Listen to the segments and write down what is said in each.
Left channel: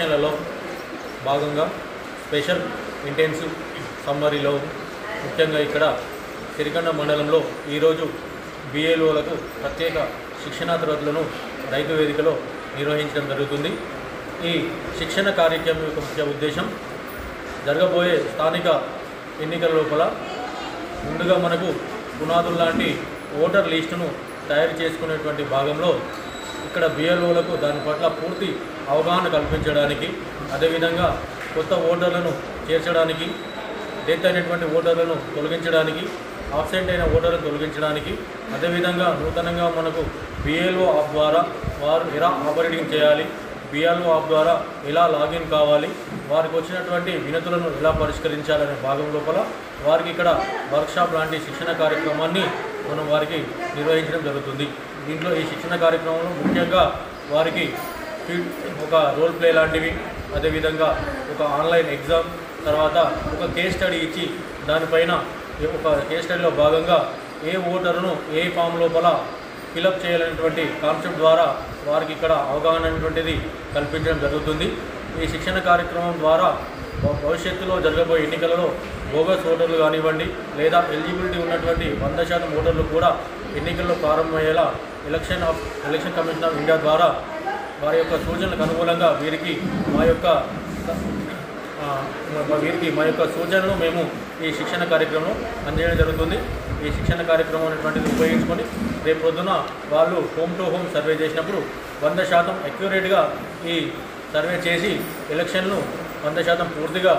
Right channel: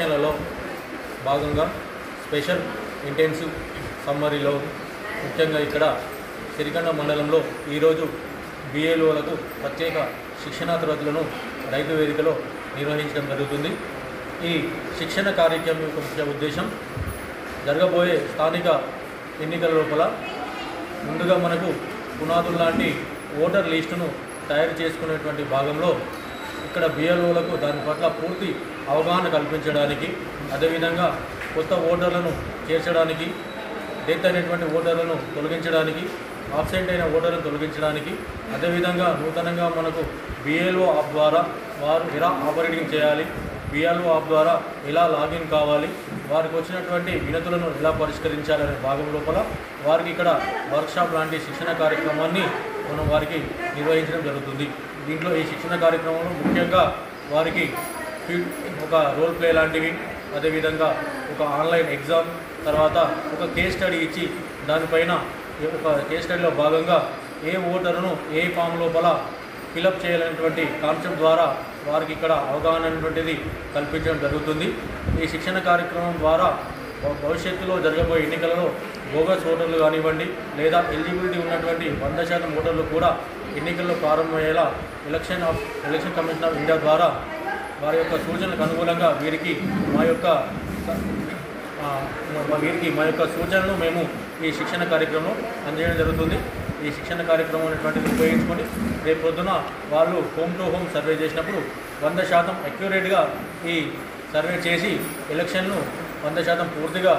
ఎలక్షన్లలో భాగంగా special intensive సమ్మరీలో ముఖ్యంగా ఇక్కడ సిరికొండ మండలంలో ఈరోజు బిఎల్ఓలకు ప్రత్యేక శిక్షణా తరగతులను రైతు వేదికలో నిర్వహించడం జరుగుతుంది. ఈ శిక్షణ కార్యక్రమం యొక్క ముఖ్య ఉద్దేశం జరగబోయే స్థానిక ఎన్నికల లోపల ముందుగా మనకు పునాదులు లాంటి ఓటర్ లిస్టును తయారు చేసుకునేటువంటి భాగంలో ఇక్కడ బిఎల్ఓలకు దాని పట్ల పూర్తి అవగాహన కల్పించడానికి, అదేవిధంగా కొత్త ఓటర్లను చేర్చడానికి, డెత్ అయినటువంటి ఓటర్లను తొలగించడానికి, ఆబ్సెంట్ అయిన ఓటర్లను తొలగించడానికి, అదేవిధంగా నూతనంగా మనకు బిఎల్ఓ యాప్ ద్వారా వారు ఎలా ఆపరేటింగ్ చేయాలి, బిఎల్ఓ యాప్ ద్వారా ఎలా లాగిన్ కావాలి, వారికి వచ్చినటువంటి వినతులను ఎలా పరిష్కరించాలనే భాగం లోపల వారికి ఇక్కడ వర్క్షాప్ లాంటి శిక్షణ కార్యక్రమాన్ని మనం వారికి నిర్వహించడం జరుగుతుంది. దీంట్లో ఈ శిక్షణ కార్యక్రమంలో ముఖ్యంగా వారికి ఒక రోల్ ప్లే లాంటివి, అదేవిధంగా ఒక ఆన్లైన్ ఎగ్జామ్, తర్వాత ఒక కేస్ స్టడీ ఇచ్చి దానిపైన ఒక కేస్ స్టడీలో భాగంగా ఏ ఓటరును ఏ ఫామ్ లోపల ఫిలప్ చేయాలనేటువంటి కాన్సెప్ట్ ద్వారా వారికి ఇక్కడ అవగాహన అనేటువంటిది కల్పించడం జరుగుతుంది. ఈ శిక్షణ కార్యక్రమం ద్వారా భవిష్యత్తులో జరగబోయే ఎన్నికలలో బోగస్ ఓటర్లు కానివ్వండి, లేదా ఎలిజిబిలిటీ ఉన్నటువంటి 100% ఓటర్లు కూడా ఎన్నికల్లో ప్రారంభమయ్యేలా ఎలక్షన్ కమిషన్ ఆఫ్ ఇండియా ద్వారా వారి యొక్క సూచనలకు అనుగుణంగా వీరికి మా యొక్క సూచనలు మేము ఈ శిక్షణ కార్యక్రమంలో అందజేయడం జరుగుతుంది. ఈ శిక్షణ కార్యక్రమం అనేటువంటిది ఉపయోగించుకొని రేపు పొద్దున వాళ్ళు హోమ్ టు హోమ్ సర్వే చేసినప్పుడు 100% అక్యురేట్గా ఈ సర్వే చేసి ఎలక్షన్ను 100% పూర్తిగా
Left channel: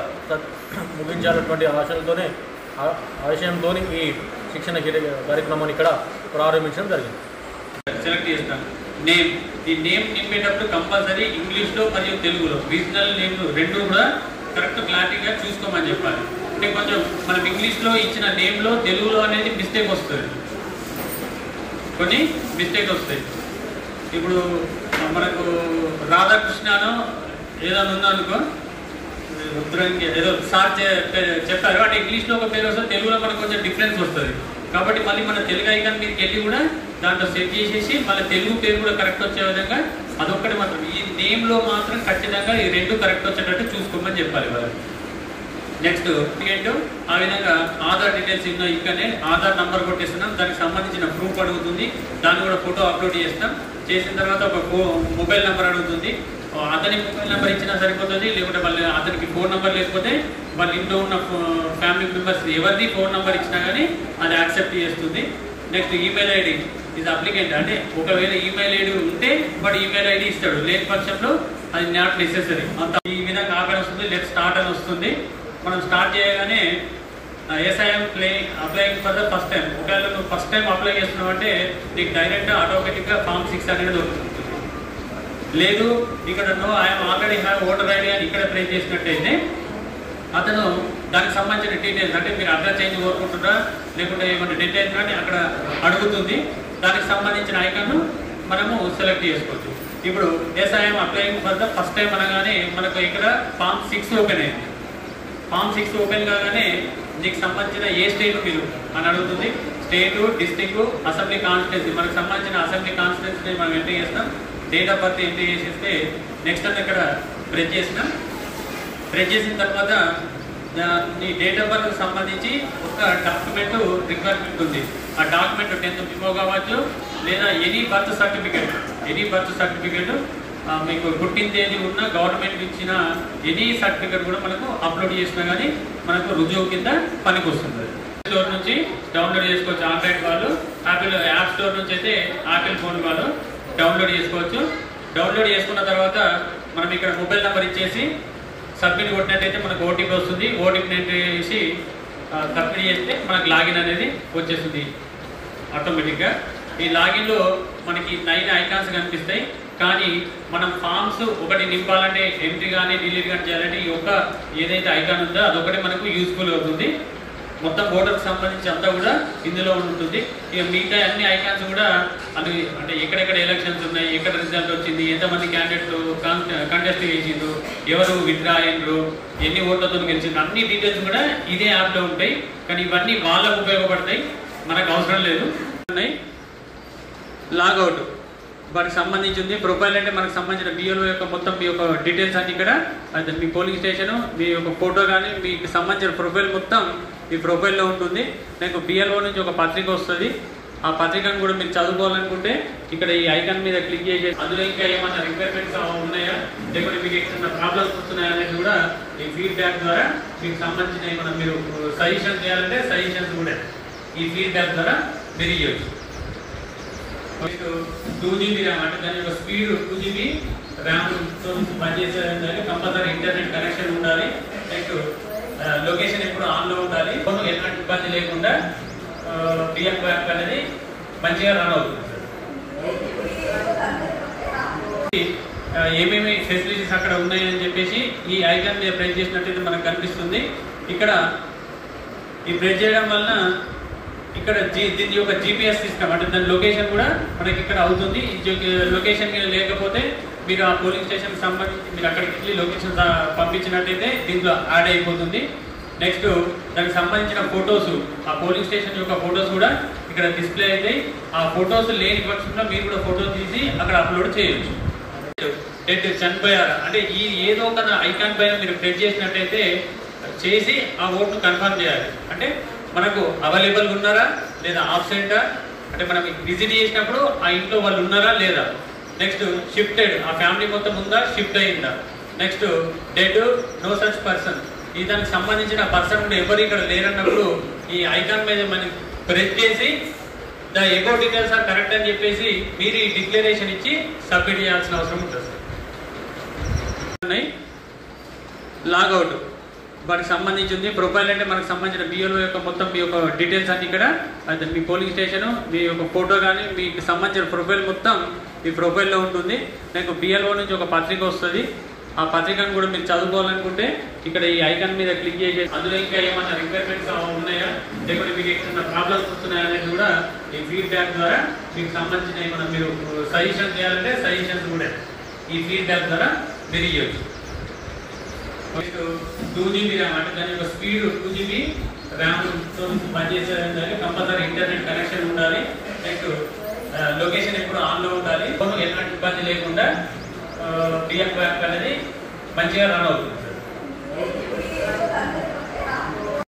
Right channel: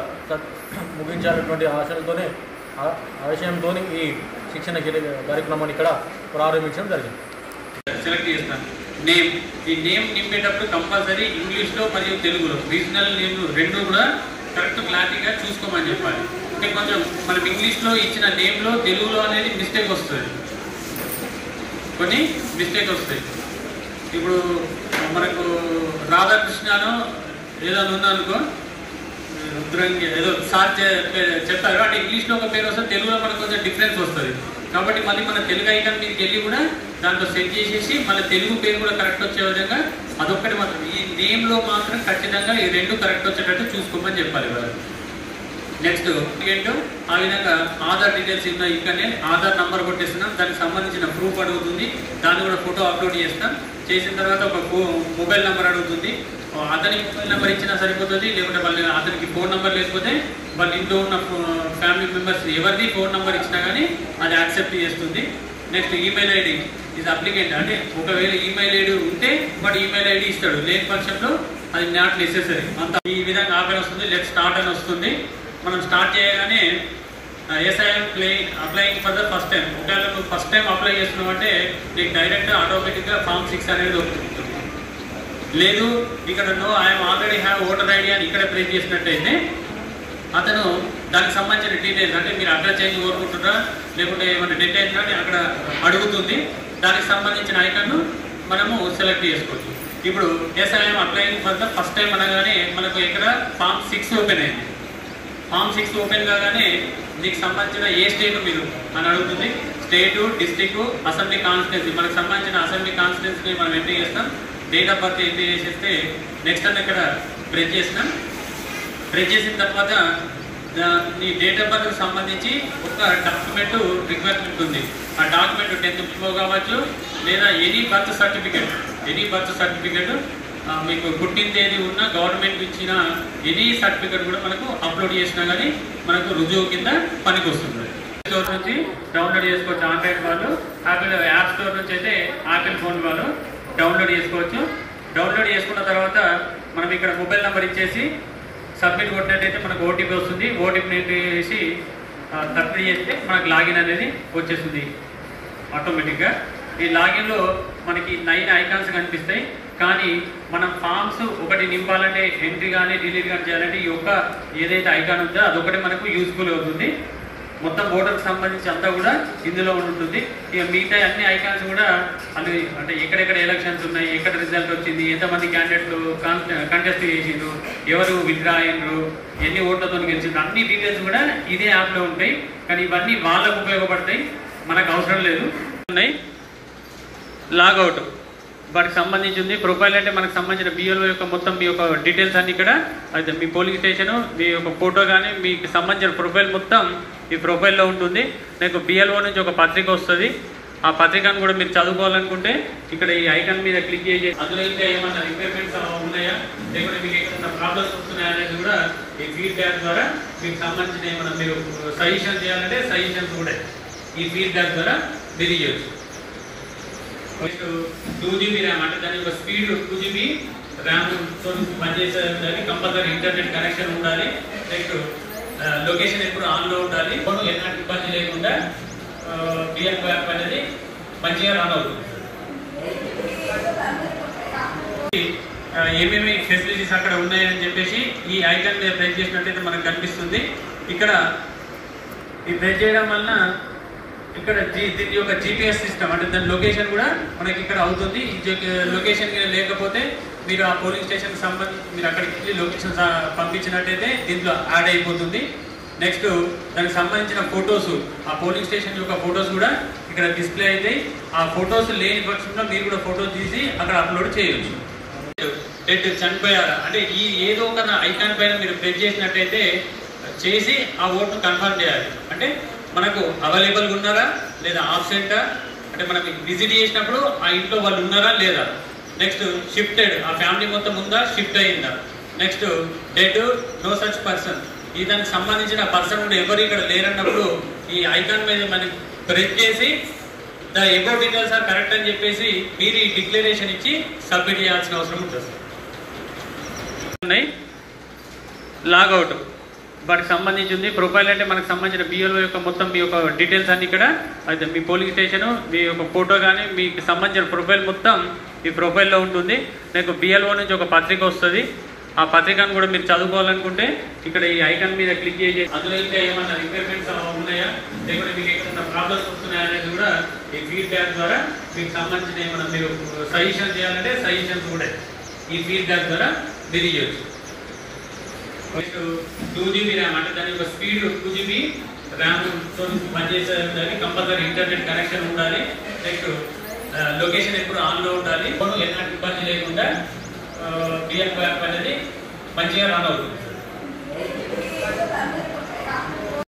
ముగించాలన్నటువంటి ఆశయంతో ఈ శిక్షణ కార్యక్రమాన్ని ఇక్కడ ప్రారంభించడం జరిగింది. సెలెక్ట్ చేస్తాను నేమ్. ఈ నేమ్ నింపేటప్పుడు కంపల్సరీ ఇంగ్లీష్లో మరియు తెలుగులో రీజనల్ నేమ్ రెండు కూడా కరెక్ట్ క్లారిటీగా చూసుకోమని చెప్పాలి. అంటే కొంచెం మనం ఇంగ్లీష్లో ఇచ్చిన నేమ్లో తెలుగులో అనేది మిస్టేక్ వస్తుంది, కొన్ని మిస్టేక్ వస్తాయి. ఇప్పుడు మనకు రాధాకృష్ణను ఏదైనా ఉందనుకో, రుద్రంగి ఏదో సార్ చెప్తారు, అంటే ఇంగ్లీష్లో ఒక పేరు వస్తుంది, తెలుగులో మనకు కొంచెం డిఫరెన్స్ వస్తుంది. కాబట్టి మళ్ళీ మన తెలుగు ఐకాన్ మీదకి వెళ్ళి కూడా దాంట్లో సెట్ చేసేసి మళ్ళీ తెలుగు పేరు కూడా కరెక్ట్ వచ్చే విధంగా అదొక్కటి మాత్రం ఈ నేమ్లో మాత్రం ఖచ్చితంగా ఈ రెండు కరెక్ట్ వచ్చేటట్టు చూసుకోమని చెప్పాలి వాళ్ళు. నెక్స్ట్ ఏంటో ఆ విధంగా ఆధార్ డీటెయిల్స్ ఇక్కడనే ఆధార్ నంబర్ కొట్టేస్తున్నాం, దానికి సంబంధించిన ప్రూఫ్ అడుగుతుంది, దాన్ని కూడా ఫోటో అప్లోడ్ చేస్తాం. చేసిన తర్వాత ఒక మొబైల్ నెంబర్ అడుగుతుంది, అతని మొబైల్ నెంబర్ ఇచ్చినా సరిపోతుంది, లేకుంటే వాళ్ళు అతనికి ఫోన్ నెంబర్ లేకపోతే వాళ్ళ ఇంట్లో ఉన్న ఫ్యామిలీ మెంబర్స్ ఎవరిది ఫోన్ నెంబర్ ఇచ్చినా కానీ అది యాక్సెప్ట్ చేస్తుంది. నెక్స్ట్ ఈమెయిల్ ఐడి ఇది అప్లికెంట్, అంటే ఒకవేళ ఈమెయిల్ ఐడి ఉంటే వాడు ఈమెయిల్ ఐడి ఇస్తాడు, లేని పక్షంలో అది నాట్ నెసెసరీ. అంత ఈ విధంగా ఆపేన్ వస్తుంది, లెట్ స్టార్ట్ అని వస్తుంది. మనం స్టార్ట్ చేయగానే SIM applying for the first time. ఒకవేళ నువ్వు ఫస్ట్ టైం అప్లై చేస్తున్నావు అంటే నీకు డైరెక్ట్గా ఆటోమేటిక్గా ఫామ్ 6 అనేది వస్తుంది. లేదు ఇక్కడ no I'm already have voter ID అని ఇక్కడ ప్లేస్ చేసినట్టయితే అతను దానికి సంబంధించిన డీటెయిల్స్, అంటే మీరు అడ్రస్ చేంజ్ కోరుకుంటున్నారా లేకుంటే ఏమైనా డెట్ అయినా అక్కడ అడుగుతుంది, దానికి సంబంధించిన ఐకాన్ను మనము సెలెక్ట్ చేసుకోవచ్చు. ఇప్పుడు SIM applying for the first time అనగానే మనకు ఇక్కడ ఫామ్ 6 ఓపెన్ అయింది. ఫామ్ 6 ఓపెన్ కాగానే దీనికి సంబంధించిన ఏ స్టేట్ మీరు అని అడుగుతుంది. స్టేటు, డిస్టిక్, అసెంబ్లీ కాన్స్టిట్యున్సీ, మనకు సంబంధించిన అసెంబ్లీ కాన్స్టిట్యున్సీని మనం ఎంట్రీ చేస్తాం. డేట్ ఆఫ్ బర్త్ ఎంట్రీ చేసేస్తే నెక్స్ట్ అని ఇక్కడ ప్రెస్ చేసినాం. ప్రెస్ చేసిన తర్వాత నీ డేట్ ఆఫ్ బర్త్కి సంబంధించి ఒక డాక్యుమెంట్ రిక్వైర్మెంట్ ఉంది. ఆ డాక్యుమెంట్ 10th మెమో కావచ్చు, లేదా ఎనీ బర్త్ సర్టిఫికేట్ మీకు పుట్టిన తేదీ ఉన్న గవర్నమెంట్ ఇచ్చిన ఎనీ సర్టిఫికేట్ కూడా మనకు అప్లోడ్ చేసినా కానీ మనకు రుజువు కింద పనికి వస్తుంది. స్టోర్ నుంచి డౌన్లోడ్ చేసుకోవచ్చు. ఆండ్రాయిడ్ వాళ్ళు, యాపిల్ యాప్ స్టోర్ నుంచి అయితే యాపిల్ ఫోన్ వాళ్ళు డౌన్లోడ్ చేసుకోవచ్చు. డౌన్లోడ్ చేసుకున్న తర్వాత మనం ఇక్కడ మొబైల్ నెంబర్ ఇచ్చేసి సబ్మిట్ కొట్టినట్టయితే మనకు ఓటీపీ వస్తుంది. ఓటీపీని ఎంట్రీ చేసి సబ్మిట్ చేస్తే మనకు లాగిన్ అనేది వచ్చేస్తుంది ఆటోమేటిక్గా. ఈ లాగిన్లో మనకి 9 ఐకాన్స్ కనిపిస్తాయి, కానీ మనం ఫామ్స్ ఒకటి నింపాలంటే ఎంట్రీ కానీ డిలీట్ కానీ చేయాలంటే ఈ ఒక్క ఏదైతే ఐకాన్ ఉందో అదొకటి మనకు యూస్ఫుల్ అవుతుంది. మొత్తం ఓటర్కి సంబంధించి అంతా కూడా ఇందులో ఉంటుంది. ఇక మిగతా అన్ని ఐకాన్స్ కూడా అది అంటే ఎక్కడెక్కడ ఎలక్షన్స్ ఉన్నాయి, ఎక్కడ రిజల్ట్ వచ్చింది, ఎంతమంది క్యాండిడేట్లు కంటెస్ట్ చేసిండ్రు, ఎవరు విత్డ్రా అయ్యిండ్రు, ఎన్ని ఓట్లతో గెలిచిండ్రు, అన్ని డీటెయిల్స్ కూడా ఇదే యాప్లో ఉంటాయి. కానీ ఇవన్నీ వాళ్ళకు ఉపయోగపడతాయి, మనకు అవసరం లేదు. లాగౌట్ వాటికి సంబంధించింది. ప్రొఫైల్ అంటే మనకు సంబంధించిన బిఎల్ఓ యొక్క మొత్తం మీ యొక్క డీటెయిల్స్ అన్ని ఇక్కడ అయితే మీ పోలింగ్ స్టేషన్, మీ యొక్క ఫోటో కానీ మీకు సంబంధించిన ప్రొఫైల్ మొత్తం ఈ ప్రొఫైల్లో ఉంటుంది. మీకు బిఎల్ఓ నుంచి ఒక పత్రిక వస్తుంది. ఆ పత్రికను కూడా మీరు చదువుకోవాలనుకుంటే ఇక్కడ ఈ ఐకాన్ మీద క్లిక్ చేసి అందులో ఇంకా ఏమన్నా రిక్వైర్మెంట్స్ ఉన్నాయా, లేకపోతే మీకు ఏమైనా ప్రాబ్లమ్స్ వస్తున్నాయా అనేది కూడా ఈ ఫీడ్బ్యాక్ ద్వారా మీకు సంబంధించిన ఏమన్నా మీరు సజెషన్ చేయాలంటే సజెషన్స్ కూడా ఈ ఫీడ్బ్యాక్ ద్వారా మీరు చేయొచ్చు. 2GB ర్యామ్ అంటే దాని యొక్క స్పీడ్ 2GB ర్యామ్ తో పనిచేసేది. కంపల్సరీ ఇంటర్నెట్ కనెక్షన్ ఉండాలి. నెక్స్ట్ లొకేషన్ ఎప్పుడు ఆన్లో ఉండాలి. ఎలాంటి ఇబ్బంది లేకుండా బిఎల్ యాప్ అనేది మంచిగా రన్ అవుతుంది. ఏమేమి ఫెసిలిటీస్ అక్కడ ఉన్నాయని చెప్పేసి ఈ ఐకాన్ మీద ప్రెస్ చేసినట్టయితే మనకు కనిపిస్తుంది. ఇక్కడ ఈ ప్రెస్ చేయడం వలన ఇక్కడ దీని యొక్క జీపీఎస్ సిస్టమ్ అంటే దాని లొకేషన్ కూడా మనకి ఇక్కడ అవుతుంది. లొకేషన్ లేకపోతే మీరు ఆ పోలింగ్ స్టేషన్ సంబంధించి మీరు అక్కడికి వెళ్ళి లొకేషన్ పంపించినట్టయితే దీంట్లో యాడ్ అయిపోతుంది. నెక్స్ట్ దానికి సంబంధించిన ఫొటోస్, ఆ పోలింగ్ స్టేషన్ యొక్క ఫొటోస్ కూడా ఇక్కడ డిస్ప్లే అవుతాయి. ఆ ఫొటోస్ లేని పక్షంలో మీరు కూడా ఫోటో తీసి అక్కడ అప్లోడ్ చేయొచ్చు. డెడ్ చనిపోయారా అంటే ఈ ఏదో ఒక ఐకాన్ పైన మీరు ప్రెస్ చేసినట్టయితే చేసి ఆ ఓట్ను కన్ఫర్మ్ చేయాలి. అంటే మనకు అవైలబుల్గా ఉన్నారా లేదా ఆబ్సెంటా, అంటే మనం విజిట్ చేసినప్పుడు ఆ ఇంట్లో వాళ్ళు ఉన్నారా లేదా. నెక్స్ట్ షిఫ్టెడ్, ఆ ఫ్యామిలీ మొత్తం ఉందా, షిఫ్ట్ అయిందా. Next dead, no such person, ఈ దానికి సంబంధించిన పర్సన్ కూడా ఎవరు ఇక్కడ లేరన్నప్పుడు ఈ ఐకాన్ మీద మనం ప్రెస్ చేసి the ago details are correct అని చెప్పేసి మీరు ఈ డిక్లరేషన్ ఇచ్చి సబ్మిట్ చేయాల్సిన అవసరం ఉంటుంది. లాగౌట్ వాటికి సంబంధించింది. ప్రొఫైల్ అంటే మనకు సంబంధించిన బిఎల్ఓ యొక్క మొత్తం మీ యొక్క డీటెయిల్స్ అన్ని ఇక్కడ అయితే మీ పోలింగ్ స్టేషన్, మీ యొక్క ఫోటో కానీ మీకు సంబంధించిన ప్రొఫైల్ మొత్తం ఈ ప్రొఫైల్లో ఉంటుంది. మీకు బిఎల్ఓ నుంచి ఒక పత్రిక వస్తుంది. ఆ పత్రికను కూడా మీరు చదువుకోవాలనుకుంటే ఇక్కడ ఈ ఐకాన్ మీద క్లిక్ చేసి అందులో ఇంకా ఏమన్నా రిక్వైర్మెంట్స్ ఉన్నాయా, లేకపోతే మీకు ఏమైనా ప్రాబ్లమ్స్ వస్తున్నాయా అనేది కూడా ఈ ఫీడ్బ్యాక్ ద్వారా మీకు సంబంధించిన ఏమన్నా మీరు సజెషన్ చేయాలంటే సజెషన్స్ కూడా ఈ ఫీడ్బ్యాక్ ద్వారా మీరు చేయొచ్చు. 2GB ర్యామ్ అంటే దాని యొక్క స్పీడ్ 2GB ర్యామ్ తో పనిచేసేది. కంపల్సరీ ఇంటర్నెట్ కనెక్షన్ ఉండాలి. నెక్స్ట్ లొకేషన్ ఎప్పుడు ఆన్లో ఉండాలి. ఎలాంటి ఇబ్బంది లేకుండా బిఎల్ యాప్ అనేది మంచిగా రన్ అవుతుంది.